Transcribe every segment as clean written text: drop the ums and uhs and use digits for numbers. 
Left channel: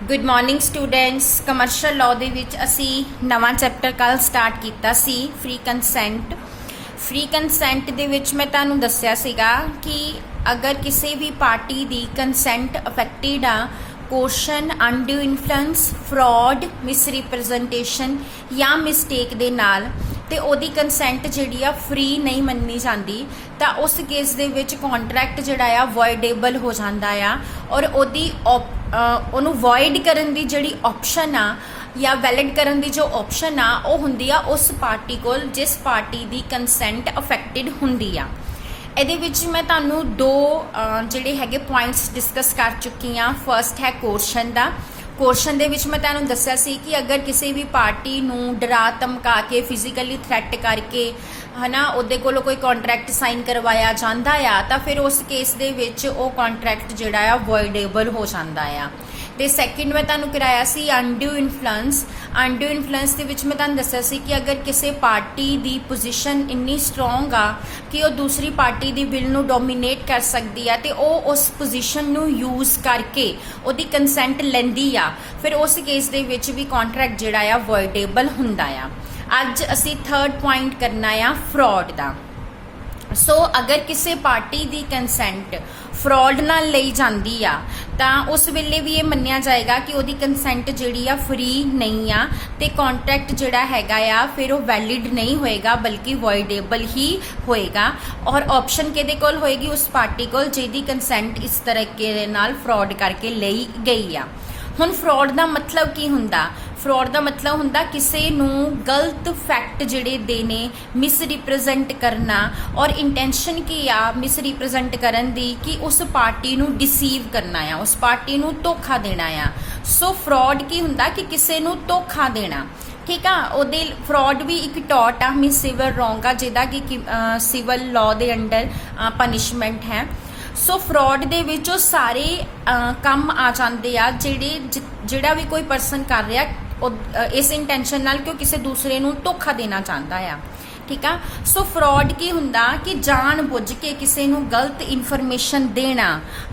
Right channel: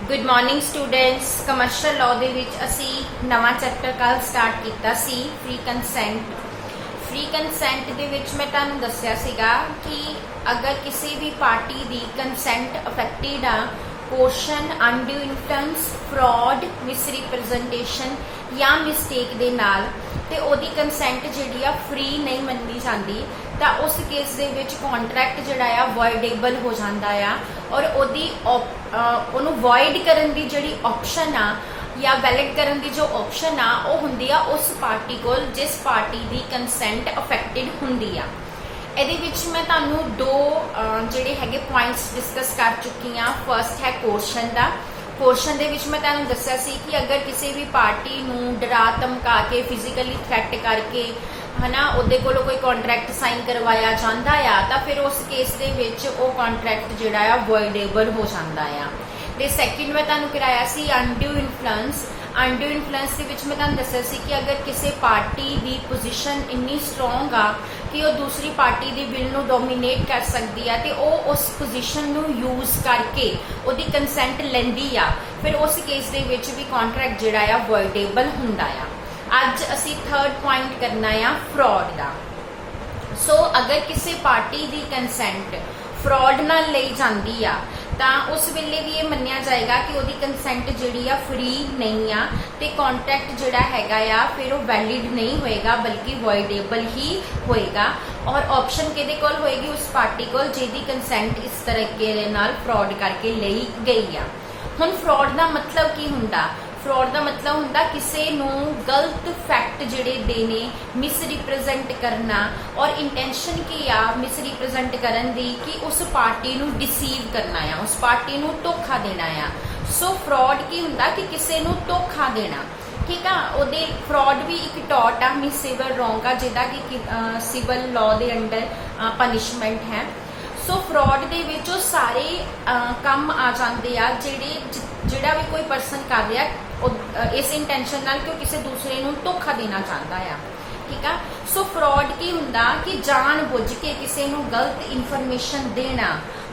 Good morning students. Commercial law दे विच असी नवा चैप्टर कल स्टार्ट किया सी फ्री कंसेंट। फ्री कंसेंट दे विच मैं तुहानूं दस्सिया सीगा कि अगर किसी भी पार्टी दी कंसेंट अफेक्टेड आ coercion undue influence fraud misrepresentation या मिसटेक दे नाल ते ओदी कंसेंट जिहड़ी आ फ्री नहीं मन्नी जाती तो उस केस दे विच कॉन्ट्रैक्ट जिहड़ा आ वॉइडेबल हो जाता आ और ओदी ओनू वॉइड करन दी जिहड़ी ऑप्शन आ या वैलिड करन दी जो ऑप्शन आ वो हुंदी आ उस पार्टी कोल जिस पार्टी दी कंसेंट अफेक्टेड हुंदी आ। ਇਹਦੇ ਵਿੱਚ मैं ਤੁਹਾਨੂੰ दो ਜਿਹੜੇ ਹੈਗੇ पॉइंट्स डिस्कस कर चुकी हाँ। फर्स्ट है कोशन का। कोशन ਦੇ ਵਿੱਚ मैं ਤੁਹਾਨੂੰ ਦੱਸਿਆ ਸੀ कि अगर किसी भी पार्टी ਨੂੰ डरा धमका के फिजिकली थ्रैट करके है ना ਉਹਦੇ ਕੋਲੋਂ कोई कॉन्ट्रैक्ट साइन करवाया जाता आ तो फिर उस केस ਦੇ ਵਿੱਚ ਉਹ कॉन्ट्रैक्ट ਜਿਹੜਾ आ वॉइडेबल हो जाता आ। ਤੇ सैकेंड मैं ਤੁਹਾਨੂੰ कराया सी अनड्यू इन्फ्लुएंस। अनड्यू इन्फ्लुएंस ਦੇ ਵਿੱਚ मैं ਤੁਹਾਨੂੰ ਦੱਸਿਆ ਸੀ कि अगर किसी पार्टी ਦੀ पोजीशन इन्नी स्ट्रोंग आ कि वो दूसरी पार्टी ਦੀ विल ਨੂੰ डोमीनेट कर सकती है तो वो उस पोजीशन ਨੂੰ यूज करके ਉਹਦੀ कंसेंट ਲੈਂਦੀ ਆ फिर उस केस ਦੇ ਵਿੱਚ भी कॉन्ट्रैक्ट ਜਿਹੜਾ ਆ वॉइडेबल ਹੁੰਦਾ आ। ਅੱਜ ਅਸੀਂ थर्ड पॉइंट करना आ फ्रॉड ਦਾ। सो अगर किसी पार्टी की कंसेंट फ्रॉड नाल लई जाती आ तो उस वेले भी ये मन्निया जाएगा कि उसकी कंसेंट जिहड़ी आ फ्री नहीं आ ते कॉन्ट्रैक्ट जिहड़ा हैगा आ फिर वो वैलिड नहीं होएगा बल्कि वॉइडेबल ही होएगा। और ऑप्शन किहदे कोल होएगी उस पार्टी कोल जिहदी कंसेंट इस तरीके नाल फ्रॉड करके लई गई आ। हुण फ्रॉड का मतलब की हुंदा? फ्रॉड का मतलब हुंदा किसी नूं गलत फैक्ट जिहड़े देने मिसरिप्रजेंट करना और इंटेंशन की आ मिसरिप्रजेंट करन दी कि उस पार्टी नूं डिसीव करना आ उस पार्टी नूं धोखा देना आ। सो फ्रॉड की हुंदा कि किसी नूं धोखा देना। ठीक है, ਉਹਦੇ फ्रॉड भी एक टॉट आ मीन सिविल रॉन्ग आ जिहदा कि सिविल लॉ के अंडर पनिशमेंट है। सो फ्रॉड दे विच सारे काम आ जाते आ जिहड़ा भी कोई परसन कर रहा इस इंटेंशन नाल कि किसी दूसरे नूं धोखा देना चाहता है। ठीक है, सो फ्रॉड की हुंदा कि जान बुझ के किसी नूं गलत इन्फॉर्मेशन देना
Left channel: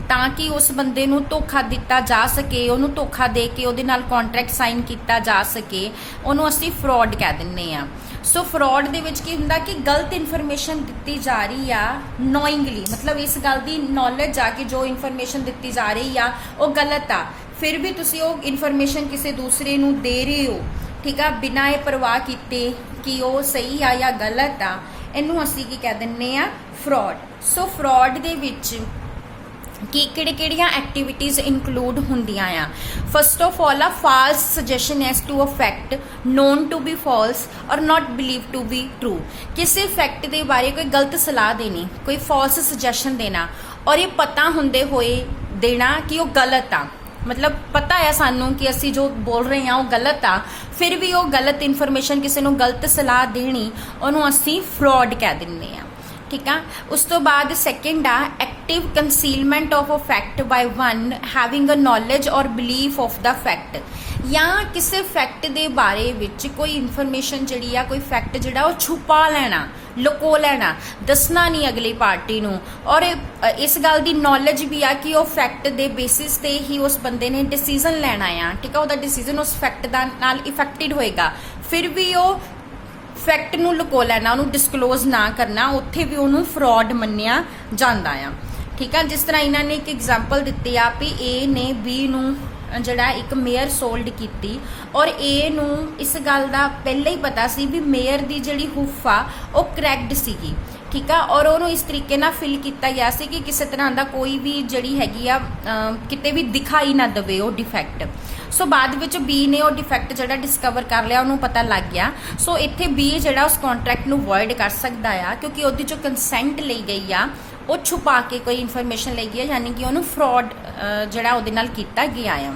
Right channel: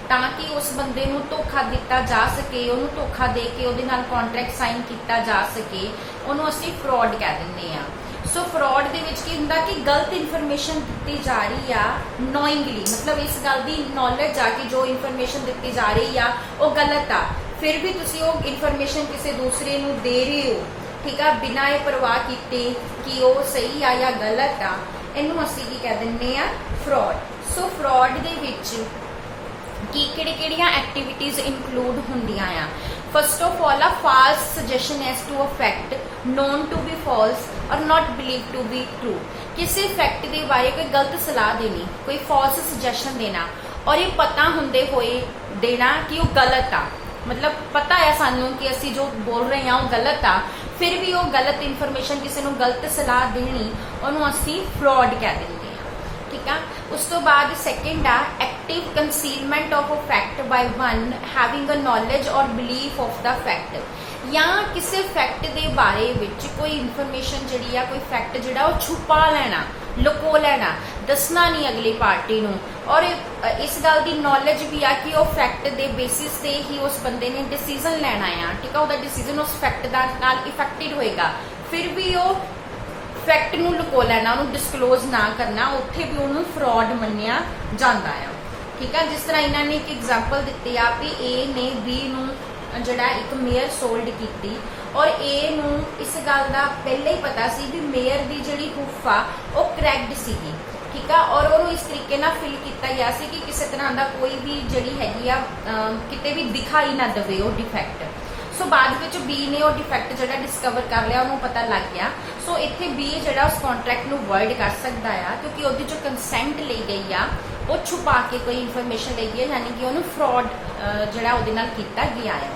ताकि उस बंदे नूं धोखा दिता जा सके उन्होंने धोखा दे के उहदे नाल कॉन्ट्रैक्ट साइन किया जा सके उन्होंने असीं फ्रॉड कह दिंदे आ। सो फ्रॉड दे विच की हुंदा कि गलत इन्फॉर्मेशन दी जा रही आ नोइंगली मतलब इस गल की नॉलेज आ कि जो इन्फॉर्मेशन दी जा रही आ वो गलत आ फिर भी तुसीं वो इन्फॉर्मेशन किसी दूसरे नूं दे रहे हो। ठीक है, बिना ये परवाह कीते कि वो सही आ या गलत आ इनू असीं की कह दिंदे आ फ्रॉड। सो फ्रॉड दे विच कि किहड़ियां एक्टिविटीज़ इंक्लूड होंदियां आ। फर्स्ट ऑफ ऑल आ false suggestion as to a fact known to be false और not believe to be true. किसी फैक्ट के बारे कोई गलत सलाह देनी कोई फॉल्स सजेशन देना और ये पता होंदे होए देना कि वो गलत आ मतलब पता है सानू कि असी जो बोल रहे हैं वो गलत आ फिर भी वो गलत इन्फॉर्मेशन किसी को गलत सलाह देनी उन्होंने असी फ्रॉड कह दिंदे आ। ठीक है, उस तो बाद सैकेंड आ active concealment of a fact by one having a knowledge और बिलीफ ऑफ द फैक्ट या किसी फैक्ट के बारे विच कोई इन्फॉर्मेशन जिहड़ी आ कोई फैक्ट जिहड़ा वो छुपा लेना लुको लेना दसना नहीं अगली पार्टी नूं और इस गल की नॉलेज भी आ कि वो फैक्ट के बेसिस ते ही उस बंदे ने डिसीजन लेना आ। ठीक है, उसका डिसीजन उस फैक्ट दा नाल इफेक्टेड होएगा फिर भी वो फैक्ट नूं लुको लेना उन्होंने डिस्कलोज ना करना उत्थे भी उन्होंने फ्रॉड मन्निया जांदा आ। ठीक है, जिस तरह इन्होंने एक एग्जाम्पल दिती आ भी ए ने बी नूं जड़ा एक मेयर सोल्ड की और ए नूं इस गल का पहले ही पता सी भी मेयर की जिहड़ी हुफ आ वो क्रैक्ड सीगी। ठीक है, और उन्होंने इस तरीके ना फिल किया गया सी कि किसी तरह का कोई भी जिहड़ी हैगी आ किते भी दिखाई ना दवे वो डिफैक्ट। सो बाद विच बी ने वो डिफैक्ट जिहड़ा डिस्कवर कर लिया उन्होंने पता लग गया। सो इत्थे बी जिहड़ा उस कॉन्ट्रैक्ट नूं वॉइड कर सकता है क्योंकि उसकी जो कंसेंट ली गई आ वो छुपा के कोई इन्फॉर्मेशन ली गई है यानी कि उन्होंने फ्रॉड जिहड़ा उहदे नाल कीता गया है।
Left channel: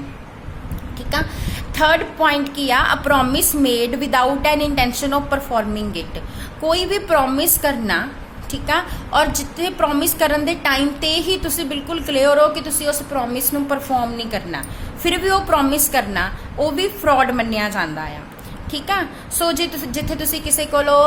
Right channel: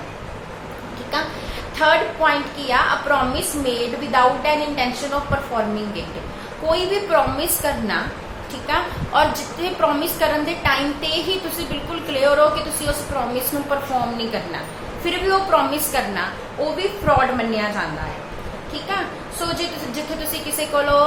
ठीक है, थर्ड पॉइंट की आ promise made without an intention of performing it. कोई भी प्रॉमिस करना ठीक है और जिथे प्रॉमिस करन दे टाइम ते ही तुसी बिल्कुल क्लियर हो कि तुसी उस प्रॉमिस नूं परफॉर्म नहीं करना फिर भी वो प्रॉमिस करना वो भी फ्रॉड मन्निया जाता है। ठीक है। सो जिथे तुसी किसी कोलो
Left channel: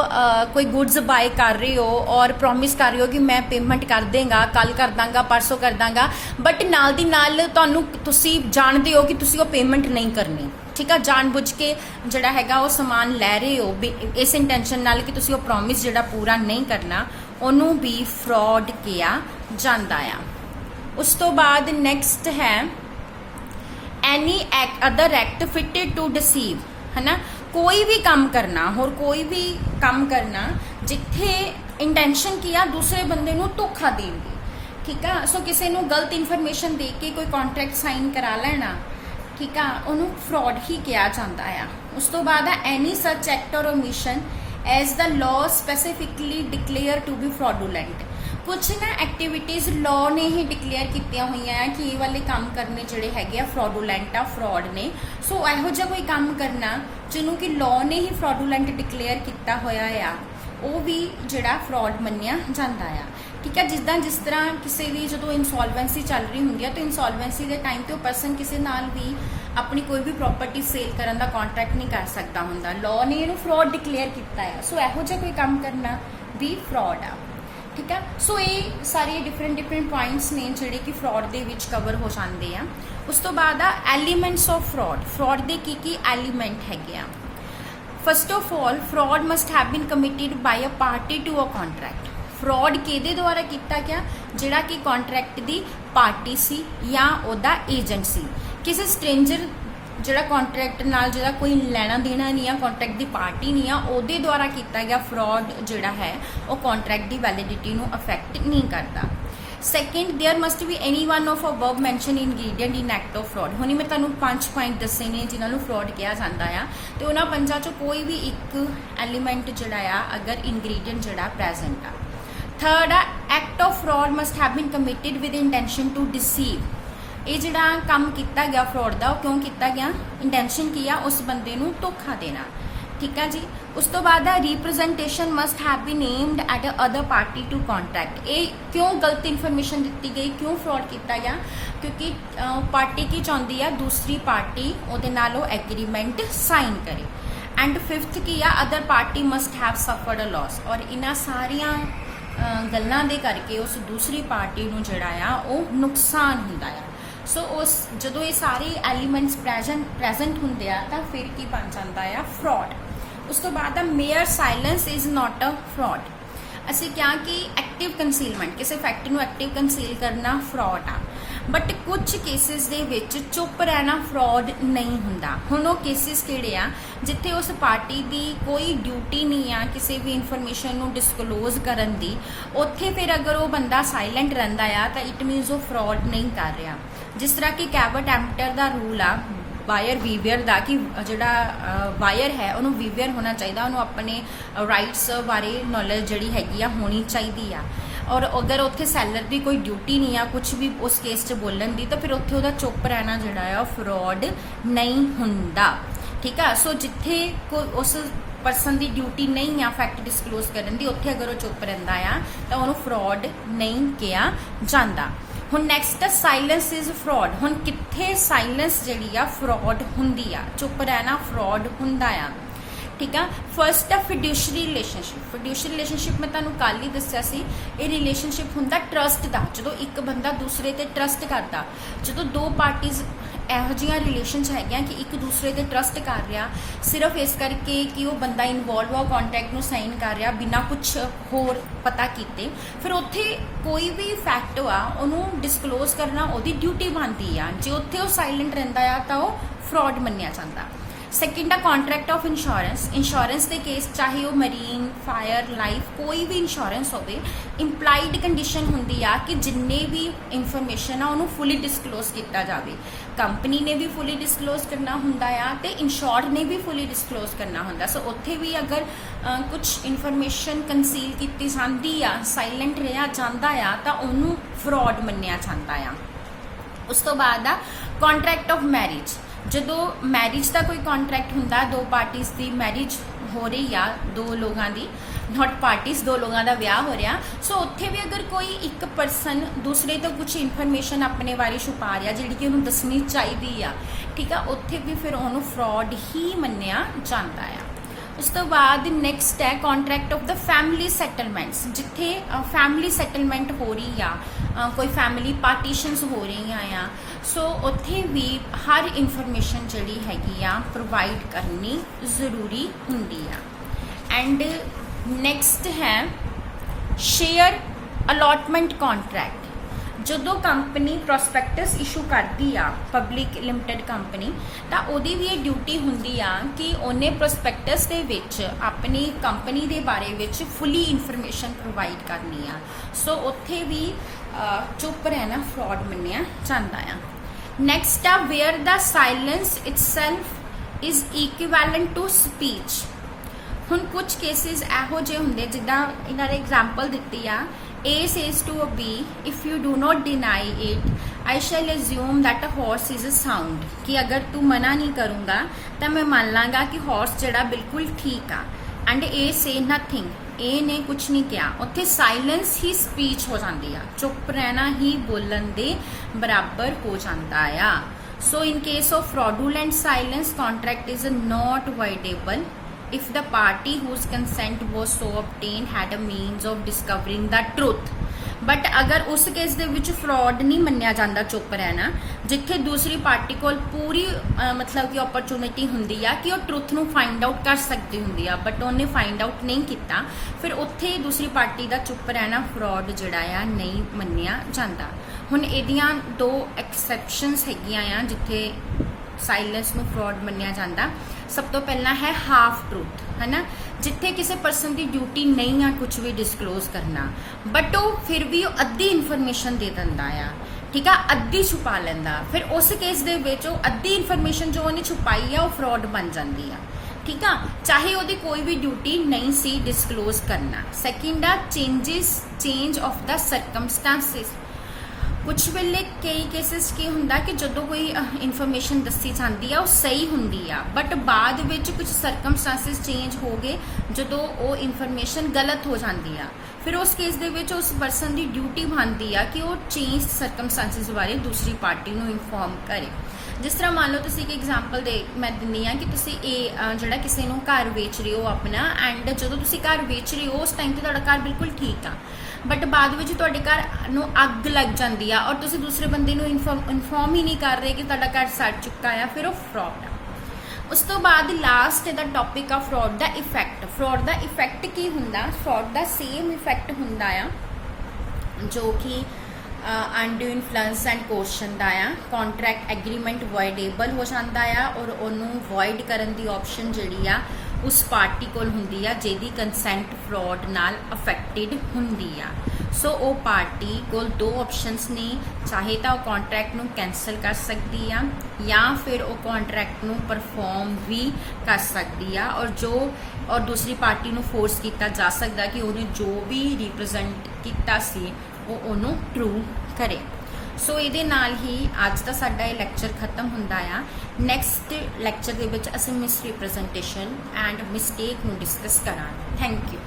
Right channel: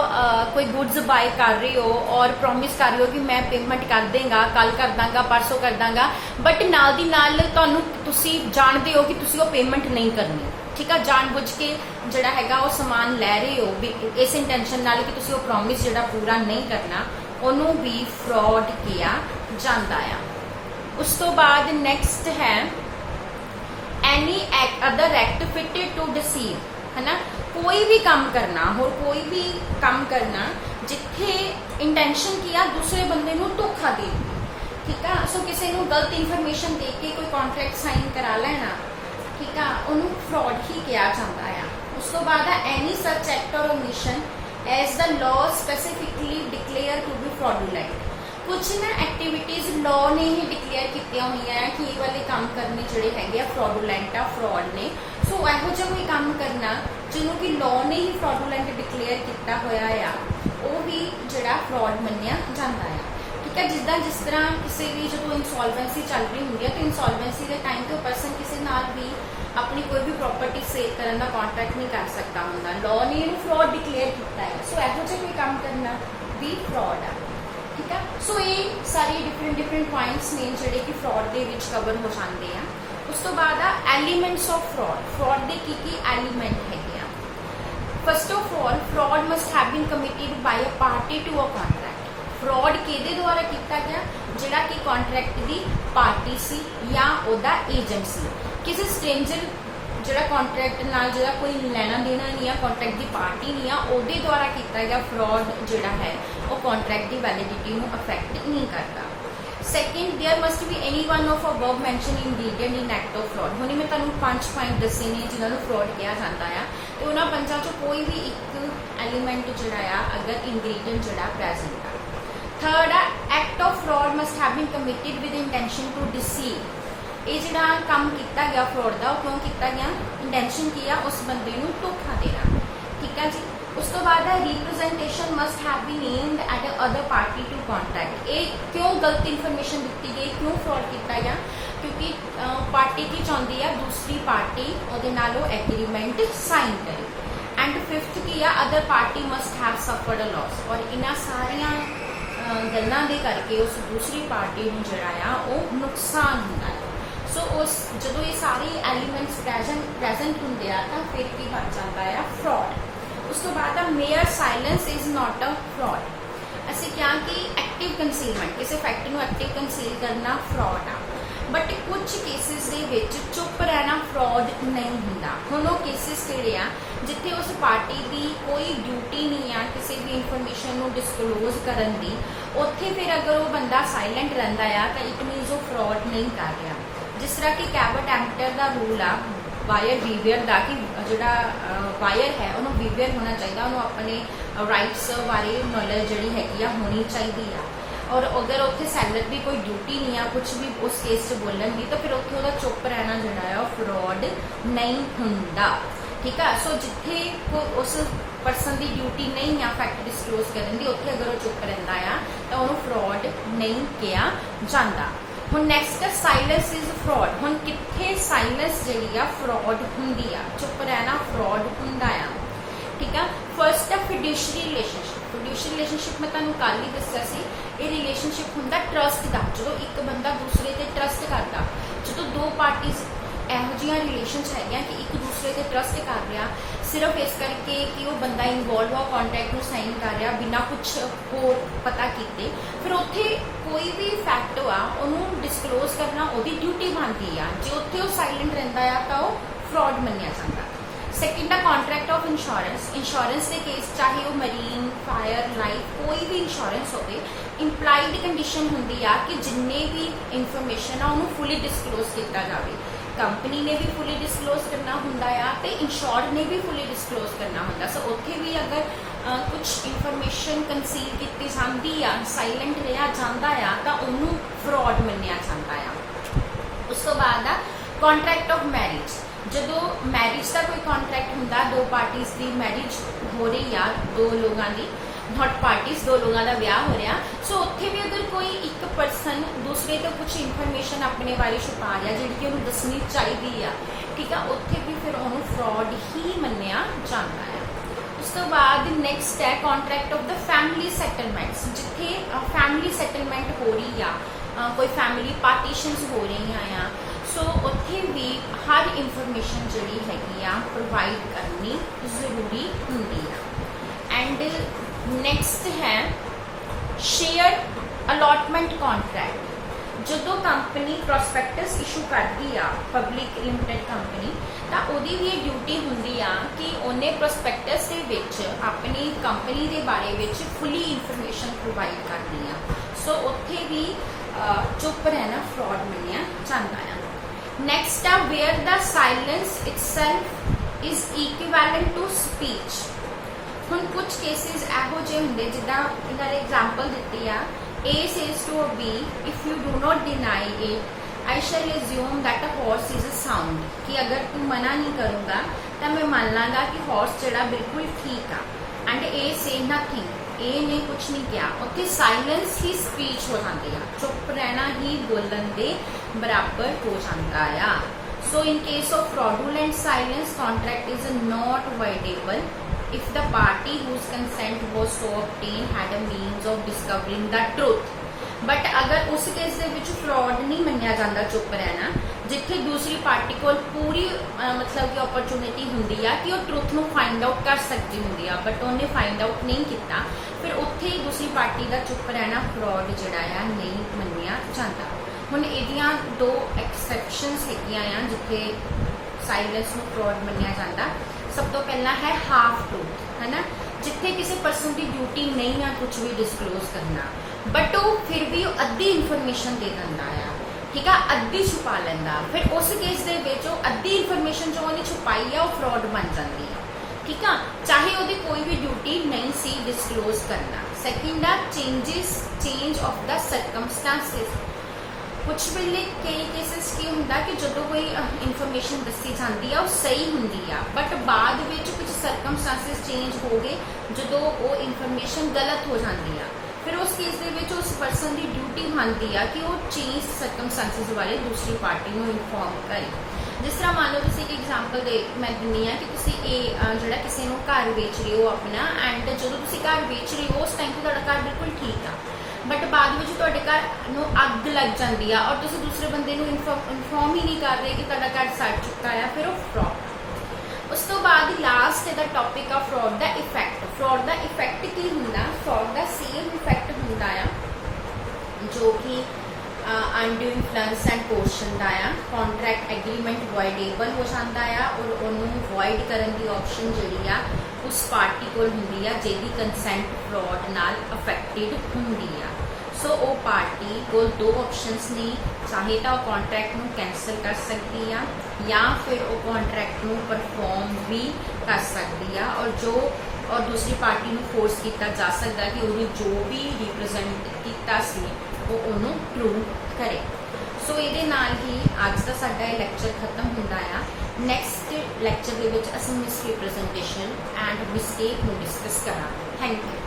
कोई गुड्स बाय कर रहे हो और प्रॉमिस कर रहे हो कि मैं पेमेंट कर देंगा, कल कर दांगा, परसों कर दांगा, बट नाल दी नाल तुहानू तुसी जानते हो कि तुसी वो पेमेंट नहीं करनी, ठीक है, जानबुझ के जिहड़ा हैगा वो समान लै रहे हो भी इस इंटेंशन नाल कि तुसी वो प्रॉमिस जिहड़ा पूरा नहीं करना, उन्होंने भी फ्रॉड किया जाता है। उस तो बाद नेक्स्ट है any other act fitted to deceive, है ना, कोई भी काम करना और कोई भी काम करना जिथे इंटेंशन किया दूसरे बंदे नू धोखा देने, ठीक है। सो किसी नू गलत इन्फॉर्मेशन दे के कोई कॉन्ट्रैक्ट साइन करा लेना, ठीक है, उन्होंने फ्रॉड ही किया जाता है। उस तो बाद है एनी सच एक्ट और omission as the law specifically declare to be fraudulent, कुछ ना एक्टिविटीज़ लॉ ने ही डिक्लेयर की हुई हैं कि ये वाले काम करने जोड़े है फ्रॉडुलेंट आ, फ्रॉड ने। सो यहो जिहा कोई काम करना जिन्हों कि लॉ ने ही फ्रॉडुलेंट डिक्लेयर किया होया आ, वो भी जिहड़ा फ्रॉड मन्निया जाता है, ठीक है। जिस तरह किसी भी जो इंसॉल्वेंसी चल रही होंगी है तो इंसॉल्वेंसी के टाइम तो पर्सन किसी नाल भी अपनी कोई भी प्रॉपर्टी सेल करने का कॉन्ट्रैक्ट नहीं कर सकता होंदा, लॉ ने इहनूं फ्रॉड डिक्लेयर किया है। सो यहो जिहा कोई काम करना भी फ्रॉड आ, ठीक है। सो ये सारे डिफरेंट पॉइंट्स ने जिहड़े कि फ्रॉड दे विच कवर हो जाते हैं। उस तो बाद आ एलीमेंट्स ऑफ फ्रॉड, फ्रॉड के की एलीमेंट है। First of all fraud must have been committed by a party to a contract, fraud किहदे द्वारा किया गया, जिहड़ा कि कॉन्ट्रैक्ट की पार्टी सी या उहदा एजेंट सी, किसी स्ट्रेंजर जिहड़ा कॉन्ट्रैक्ट नाल जिहड़ा कोई लेना देना नहीं है, कॉन्ट्रैक्ट की पार्टी नहीं है, उहदे द्वारा किया गया फ्रॉड जिहड़ा है वो कॉन्ट्रैक्ट की वैलिडिटी नूं अफेक्ट नहीं करता। Second there must be any one of above mention ingredient in act of fraud, हुणे मैं तुहानूं 5 पॉइंट दसे ने जिन्होंने फ्रॉड किया जाता है, तो उन्होंने 5 चों कोई भी एक एलीमेंट जिहड़ा आ अगर इंग्रीडिएंट जिहड़ा प्रेजेंट आ। थर्ड आ act of fraud must have been committed with intention to deceive, ये जिहड़ा काम किया गया फ्रॉड का क्यों किया गया, इंटेंशन की आ उस बंदे नूं धोखा देना, ठीक है जी। उस तो बाद representation must have been aimed at other party to contract, ये क्यों गलत इन्फॉर्मेशन दी गई, क्यों फ्रॉड किया गया, क्योंकि पार्टी की चाहती है दूसरी पार्टी उहदे नाल वो एग्रीमेंट साइन करे। एंड फिफ्थ की आ other party must have suffered a loss, और इन्हां सारियां गल्लां दे करके उस दूसरी पार्टी नूं जिहड़ा आ वो नुकसान हुंदा है। सो उस जो ये सारे एलीमेंट्स प्रेजेंट होंगे तो फिर की बन जाता है फ्रॉड। उस तो बाद mayor silence is not a fraud, असी क्या कि एक्टिव कंसीलमेंट किसी फैक्ट नूं एक्टिव कंसील करना फ्रॉड आ, बट कुछ केसिस दे विच चुप रहना फ्रॉड नहीं हुंदा। हुण वो केसिस किहड़े आ जिथे उस पार्टी की कोई ड्यूटी नहीं आ किसी भी इन्फॉर्मेशन नूं डिस्कलोज करन दी, उत्थे फिर अगर वो बंदा साइलेंट रहिंदा आ तो इट मीनस वो फ्रॉड नहीं कर रहा। जिस तरह कि कैबट एम्पटर का रूल आ वायर वीवियर का कि जिहड़ा वायर है उन्होंने वीवियर होना चाहिए, उन्होंने अपने राइट्स बारे नॉलेज जिहड़ी हैगी होनी चाहिए आ, और अगर उत्थे सैलर की कोई ड्यूटी नहीं आ कुछ भी उस केस च बोलन दी तो फिर उत्थे उहदा चुप रहना जिहड़ा है फ्रॉड नहीं हुंदा, ठीक है। सो जिथे उस परसन की ड्यूटी नहीं आ फैक्ट डिस्कलोज करन दी उत्थे अगर वो चुप रहिंदा आ तो उन्होंने फ्रॉड नहीं किया जाता। हुण नैक्सट साइलेंस इज फ्रॉड, हुण कित्थे साइलेंस जिहड़ी आ फ्रॉड हुंदी आ, चुप रहना फ्रॉड हुंदा आ, ठीक है। फर्स्ट है फिड्यूशरी रिलेशनशिप, फिड्यूशरी रिलेशनशिप मैं तुहानूं कल ही दस्सिया सी, ये रिलेशनशिप हुंदा ट्रस्ट का, जो एक बंदा दूसरे ते ट्रस्ट करता, जो दो पार्टीज ਇਹੋ ਜਿਹੀਆਂ ਰਿਲੇਸ਼ਨ ਹੈਗੀਆਂ कि एक दूसरे ਤੇ ट्रस्ट कर रहा सिर्फ इस करके कि वो बंदा इनवॉल्व हो कॉन्ट्रैक्ट में साइन कर रहा बिना कुछ होर पता किए, फिर उत्थे कोई भी फैक्ट आ उन्होंने डिस्कलोज करना उसकी ड्यूटी बनती है, जो उत्थे वो साइलेंट रहिंदा आ तो फ्रॉड मन्निया जाता। सैकेंड आ कॉन्ट्रैक्ट ऑफ इंश्योरेंस, इंश्योरेंस के केस चाहे वो मरीन फायर लाइफ कोई भी इंश्योरेंस हो, इंप्लाइड कंडीशन होंगी आ कि जिन्ने भी इन्फॉर्मेशन आ उन्होंने फुली डिस्कलोज किया जाए, कंपनी ने भी फुली डिस्कलोज करना होंदा आ ते इंश्योर्ड ने भी फुली डिस्कलोज करना होंदा। सो उत्थे भी अगर कुछ इन्फॉर्मेशन कंसील की जाती आ साइलेंट रहा जाता आ तो उन्होंने फ्रॉड मन्निया जाता आ। उस तो बाद आ कॉन्ट्रैक्ट ऑफ मैरिज, जो मैरिज का कोई कॉन्ट्रैक्ट होंदा दो पार्टीज की मैरिज हो रही आ, दो लोगों की नॉट पार्टीज दो लोगों का ब्याह हो रहा, सो उत्थे भी अगर कोई एक परसन दूसरे तो कुछ इन्फॉर्मेशन अपने बारे छुपा रहा जिहड़ी कि उन्हें दसनी चाहिए आ, ठीक है, उत्थे भी फिर उन्होंने फ्रॉड ही मन्निया जाता है। उस तो बाद नैक्सट है कॉन्ट्रैक्ट ऑफ द फैमिली सैटलमेंट्स, जिथे फैमिली सैटलमेंट हो रही आ, कोई फैमिली पार्टीशनस हो रही आ, सो उत्थे भी हर इंफॉर्मेशन जिहड़ी हैगी आ प्रोवाइड करनी जरूरी हुंदी आ। एंड नैक्सट है शेयर अलॉटमेंट कॉन्ट्रैक्ट। ਜਦੋਂ ਕੰਪਨੀ ਪ੍ਰੋਸਪੈਕਟਸ ਇਸ਼ੂ ਕਰਦੀ ਆ ਪਬਲਿਕ ਲਿਮਟਿਡ ਕੰਪਨੀ, ਤਾਂ ਉਹਦੀ ਵੀ ਇਹ ਡਿਊਟੀ ਹੁੰਦੀ ਆ ਕਿ ਉਹਨੇ ਪ੍ਰੋਸਪੈਕਟਸ ਦੇ ਵਿੱਚ ਆਪਣੀ ਕੰਪਨੀ ਦੇ ਬਾਰੇ ਵਿੱਚ ਫੁੱਲੀ ਇਨਫੋਰਮੇਸ਼ਨ ਪ੍ਰੋਵਾਈਡ ਕਰਨੀ ਆ। ਸੋ ਉੱਥੇ ਵੀ ਚੁੱਪ ਰਹਿਣਾ ਫਰਾਡ ਮੰਨਿਆ ਜਾਂਦਾ ਆ। ਨੈਕਸਟ ਆ where the silence itself is equivalent to speech. ਹੁਣ ਕੁਝ ਕੇਸਿਸ ਇਹੋ ਜਿਹੇ ਹੁੰਦੇ ਜਿੱਦਾਂ ਇਹਨਾਂ ਨੇ ਐਗਜ਼ਾਮਪਲ ਦਿੱਤੀ ਆ, A says to B, if you do not deny it, I shall assume that a horse is a sound। कि अगर तू मना नहीं करूँगा तो मैं मान लाँगा कि हॉर्स जड़ा बिल्कुल ठीक आ। And A say nothing, A ने कुछ नहीं किया, उत्थे साइलेंस ही स्पीच हो जाती है, चुप रहना ही बोलन दे बराबर हो जाता है। So in case of fraudulent silence, contract is not voidable if the party whose consent was so obtained had a means of discovering the truth। But अगर उस केस दे विच फ्रॉड नहीं मन्निया जाता चुप रहना, जिथे दूसरी पार्टी को पूरी मतलब कि अपॉर्चुनिटी हुंदी आ कि वो ट्रुथ नूं फाइंड आउट कर सकती हुंदी आ, बट उन्हें फाइंड आउट नहीं किया, फिर उत्थे दूसरी पार्टी का चुप रहना फ्रॉड जिहड़ा आ नहीं मन्निया जाता। हुण इहदियां दो एक्सैप्शनस हैगियां आ जिथे साइलेंस नूं फ्रॉड मन्निया जाता। सब तो पहला है हाफ ट्रूथ, है ना, जिथे किसी पर्सन की ड्यूटी नहीं है कुछ भी डिस्कलोज करना, बट वो फिर भी अद्धी इन्फॉर्मेशन दे दिंदा आ, ठीक है, अद्धी छुपा लैंदा, फिर उस केस दे विच वो अद्धी इन्फॉर्मेशन जो उन्हें छुपाई है वो फ्रॉड बन जाती है, ठीक है, चाहे वो कोई भी ड्यूटी नहीं सी डिस्कलोज करना। सैकेंड आ चेंज ऑफ द सर्कमस्टांसिस। कुछ वेले कई केसिस की हुंदा कि जदों कोई इन्फॉर्मेशन दसी जाती है वो सही हुंदी आ, बट बाद विच कुछ सर्कमस्टांसिस चेंज हो गए जदों वो इन्फॉर्मेशन गलत हो जाती है, फिर उस केस दे विच उस पर्सन की ड्यूटी बनती है कि वो चेंज सर्कमस्टांसिस बारे दूसरी पार्टी को इन्फॉर्म करे। जिस तरह मान लो तुसीं एक एग्जाम्पल दे मैं दिंदी हाँ कि तुसीं जिहड़ा किसी नूं घर वेच रहे हो अपना, एंड जदों तुसीं घर वेच रहे हो उस टाइम ते तुहाडा घर बिल्कुल ठीक आ, बट बाद में तुहाडे घर नूं अग लग जाती है और तुसीं दूसरे बंदे नूं इन्फॉर्म ही नहीं कर रहे कि तुहाडा घर सड़ चुका है, फिर वो फ्रॉड। उस तो बाद last the topic of fraud the effect. Fraud the effect की हुंदा, फ्रॉड द सेम इफेक्ट हुंदा आ जो कि अनड्यू इन्फ्लुएंस एंड कोशन दा आ। कॉन्ट्रैक्ट एग्रीमेंट वॉइडेबल हो जाता है और उन्होंने वॉइड करने की ऑप्शन जिहड़ी आ उस पार्टी कोल हुंदी आ जिहदी कंसेंट फ्रॉड नाल अफेक्टेड हुंदी आ। सो वो पार्टी कोल दो ऑप्शंस ने, चाहे तो वो कॉन्ट्रैक्ट नूं कैंसल कर सकती है या फिर वो कॉन्ट्रैक्ट नूं परफॉर्म भी कर सकती है, और दूसरी पार्टी नूं फोर्स किया जा सकता कि वो जो भी रिप्रजेंट किया सी वो उन्होंने ट्रू करे। सो ये नाल ही अज का साडा ये लैक्चर खत्म हुंदा आ। नैक्सट लैक्चर दे विच असीं मिसरिप्रजेंटेशन एंड मिसटेक नूं डिस्कस करांगे। Thank you.